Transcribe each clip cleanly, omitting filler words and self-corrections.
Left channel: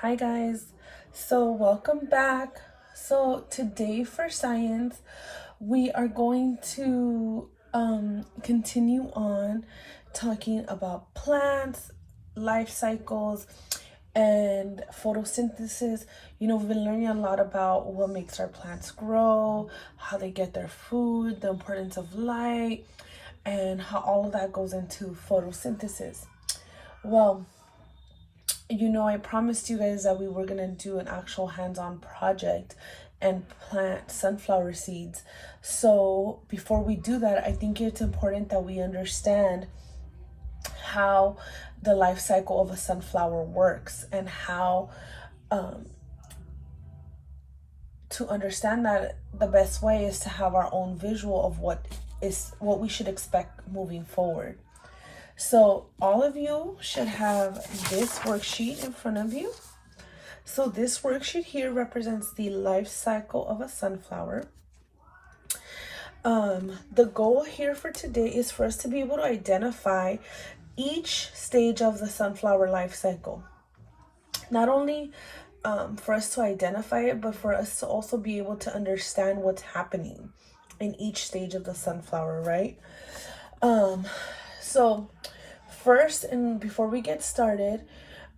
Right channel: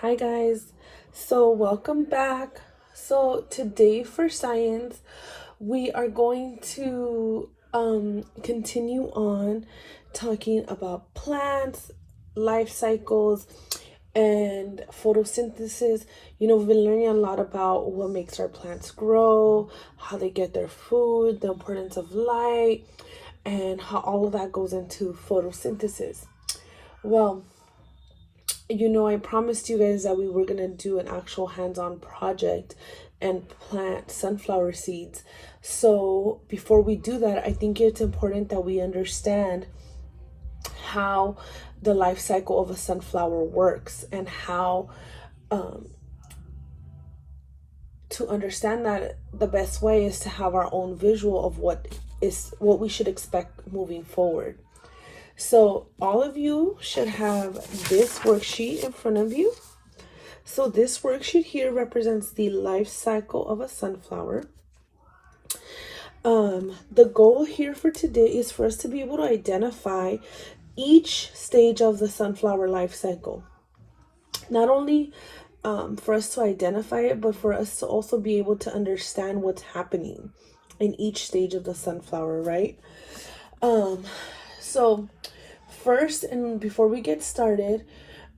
Hi guys, so welcome back. So today for science, we are going to continue on talking about plants, life cycles, and photosynthesis. We've been learning a lot about what makes our plants grow, how they get their food, the importance of light, and how all of that goes into photosynthesis. Well, I promised you guys that we were going to do an actual hands-on project and plant sunflower seeds. So before we do that, I think it's important that we understand how the life cycle of a sunflower works and how to understand that the best way is to have our own visual of what we should expect moving forward. So all of you should have this worksheet in front of you. So this worksheet here represents the life cycle of a sunflower. The goal here for today is for us to be able to identify each stage of the sunflower life cycle. Not only for us to identify it, but for us to also be able to understand what's happening in each stage of the sunflower, right? So first, and before we get started,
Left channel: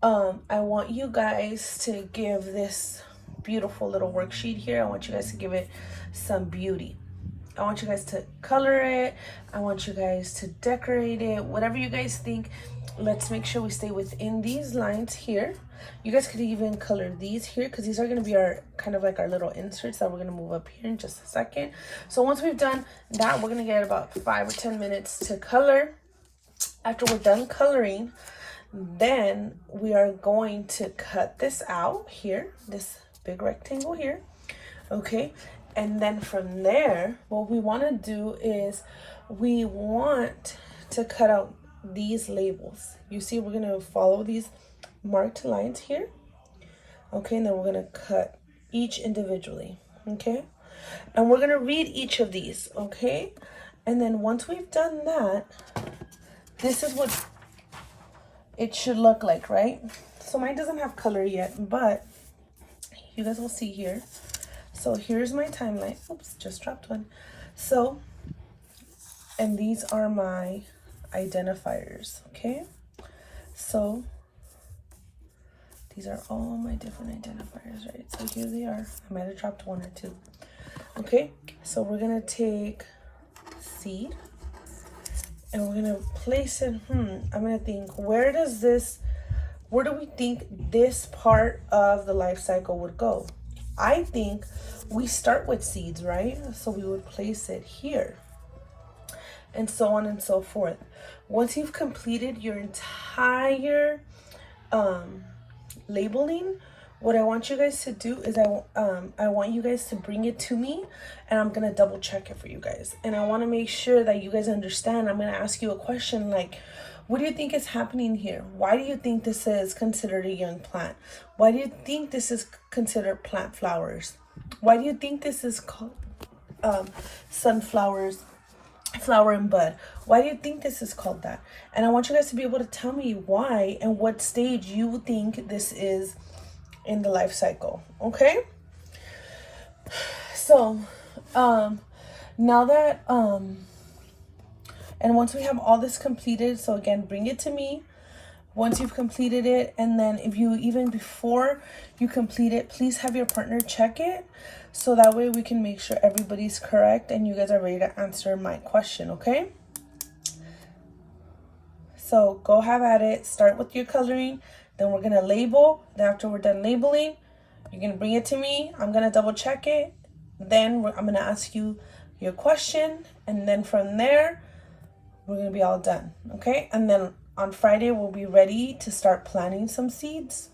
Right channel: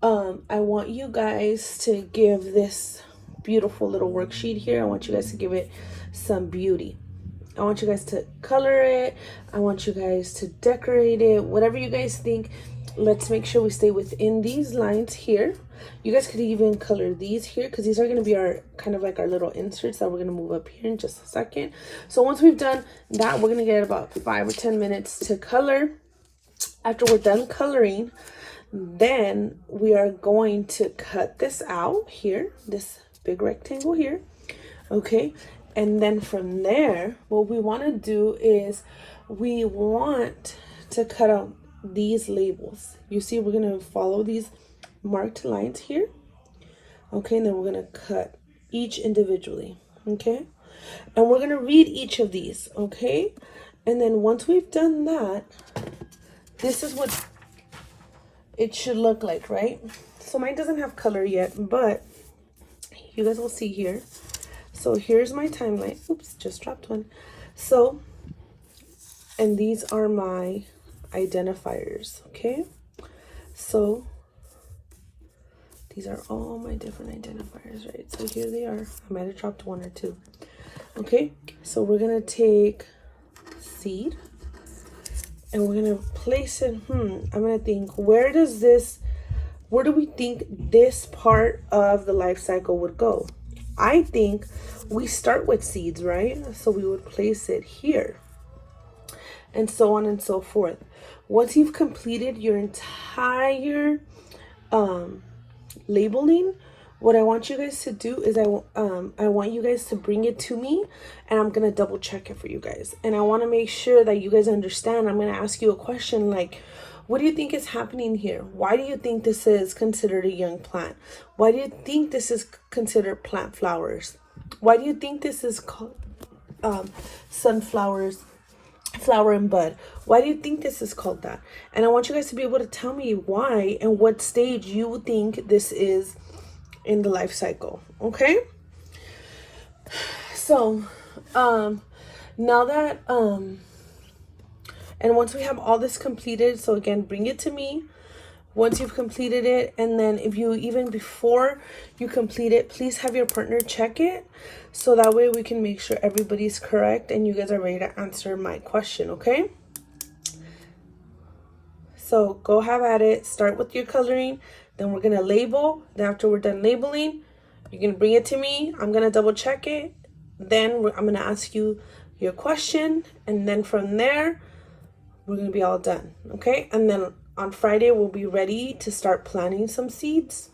I want you guys to give this beautiful little worksheet here. I want you guys to give it some beauty. I want you guys to color it. I want you guys to decorate it. Whatever you guys think. Let's make sure we stay within these lines here. You guys could even color these here because these are going to be our kind of like our little inserts that we're going to move up here in just a second. So once we've done that, we're going to get about 5 or 10 minutes to color. After we're done coloring, then we are going to cut this out here, this big rectangle here, okay? And then from there, what we want to do is we want to cut out these labels. You see, we're going to follow these marked lines here, okay? And then we're going to cut each individually, okay? And we're going to read each of these, okay? And then once we've done that, this is what it should look like, right? So mine doesn't have color yet, but you guys will see here. So here's my timeline. Oops, just dropped one. So, and these are my identifiers, okay? So these are all my different identifiers, right? So here they are. I might have dropped one or two. Okay, so we're gonna take seed and we're gonna place it. I'm gonna think, where do we think this part of the life cycle would go? I think we start with seeds, right? So we would place it here, and so on and so forth. Once you've completed your entire labeling, what I want you guys to do is I want you guys to bring it to me, and I'm gonna double check it for you guys. And I want to make sure that you guys understand. I'm gonna ask you a question like, what do you think is happening here? Why do you think this is considered a young plant? Why do you think this is considered plant flowers? Why do you think this is called sunflowers, flower and bud? Why do you think this is called that? And I want you guys to be able to tell me why and what stage you think this is in the life cycle, okay? So now that and once we have all this completed, so again, bring it to me once you've completed it. And then if you, even before you complete it, please have your partner check it, so that way we can make sure everybody's correct and you guys are ready to answer my question, okay? So go have at it. Start with your coloring. Then we're gonna label. Then after we're done labeling, you're gonna bring it to me. I'm gonna double check it. Then I'm gonna ask you your question, and then from there, we're gonna be all done, okay? And then on Friday, we'll be ready to start planting some seeds.